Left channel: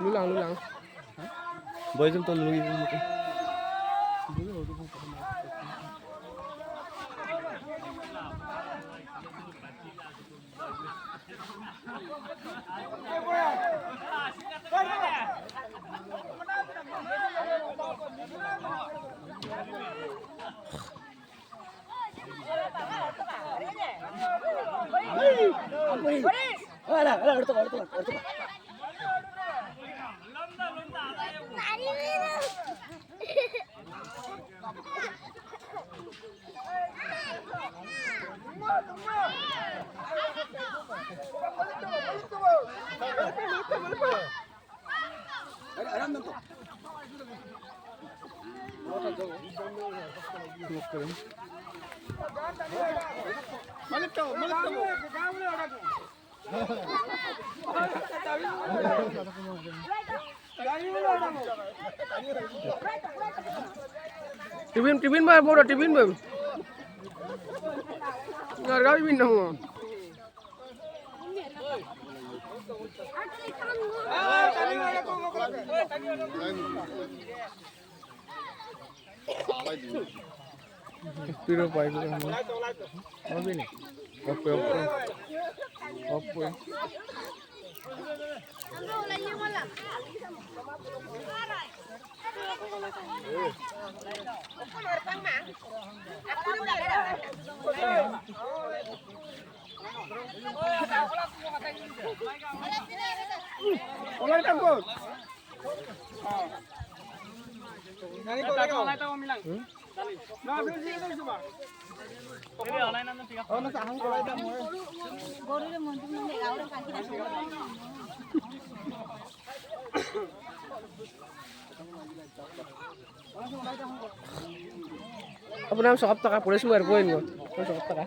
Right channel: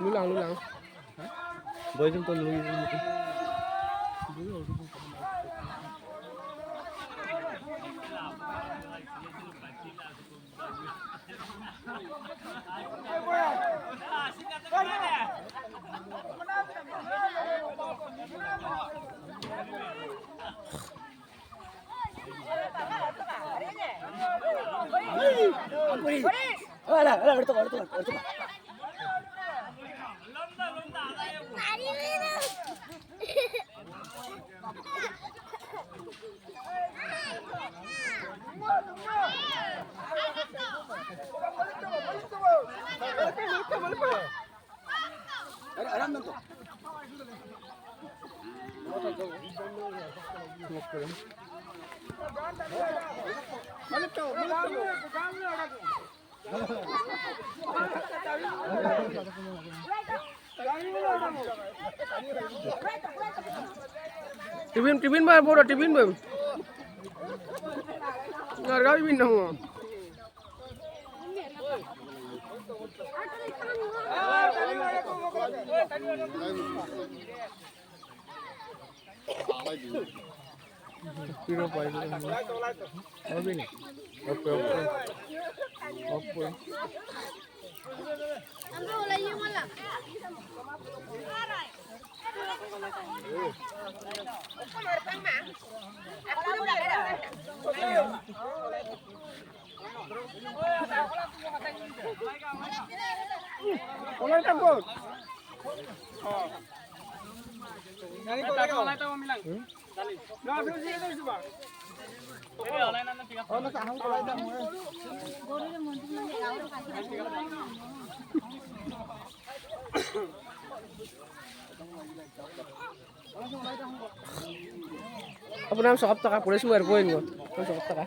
Lulang. Boy jom to lui. Tibin ba bodo tibin ba? Ngarga tibin dong. Piro pai ko. Abi ni. Oke. Olay tambut. Nani ko lagaw. Mo ko sige dai suba. Pwede olay na tiga. Oh, nasa hang olay ta mo. Gori le mo pun le aur pati. Apa nam sokap taka pulis luar poin ko. Sokap taka.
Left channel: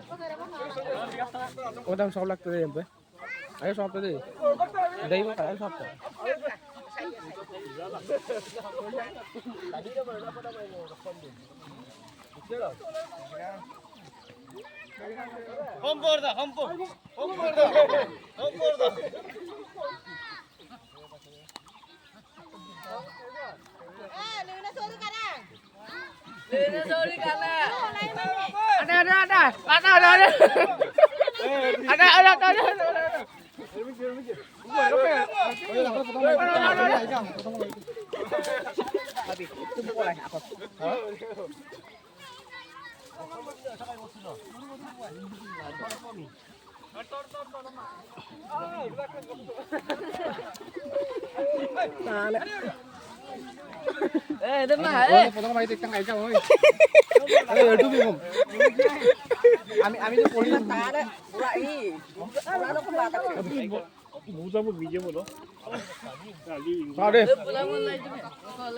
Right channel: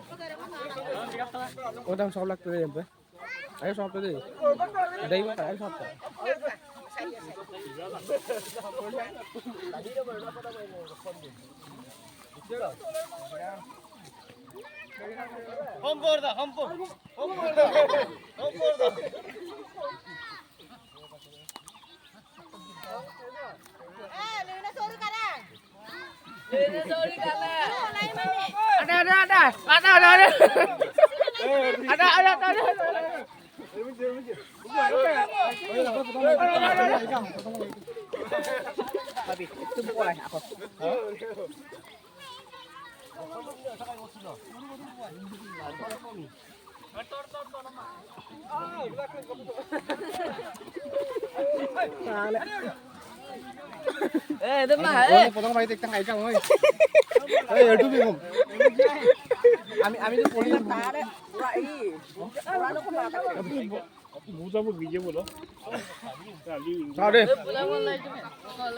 Oh, dam sokap lagto yan ba? Ayo sokap tadi. Dai mo ka, ayo sokap. Hompor da. Luna sorry karang. Potong baik tengah ikan oi. Itu bingung. Ami tuh polisi tak ada. Mau 잡을 위에 뭐라? 야, 리.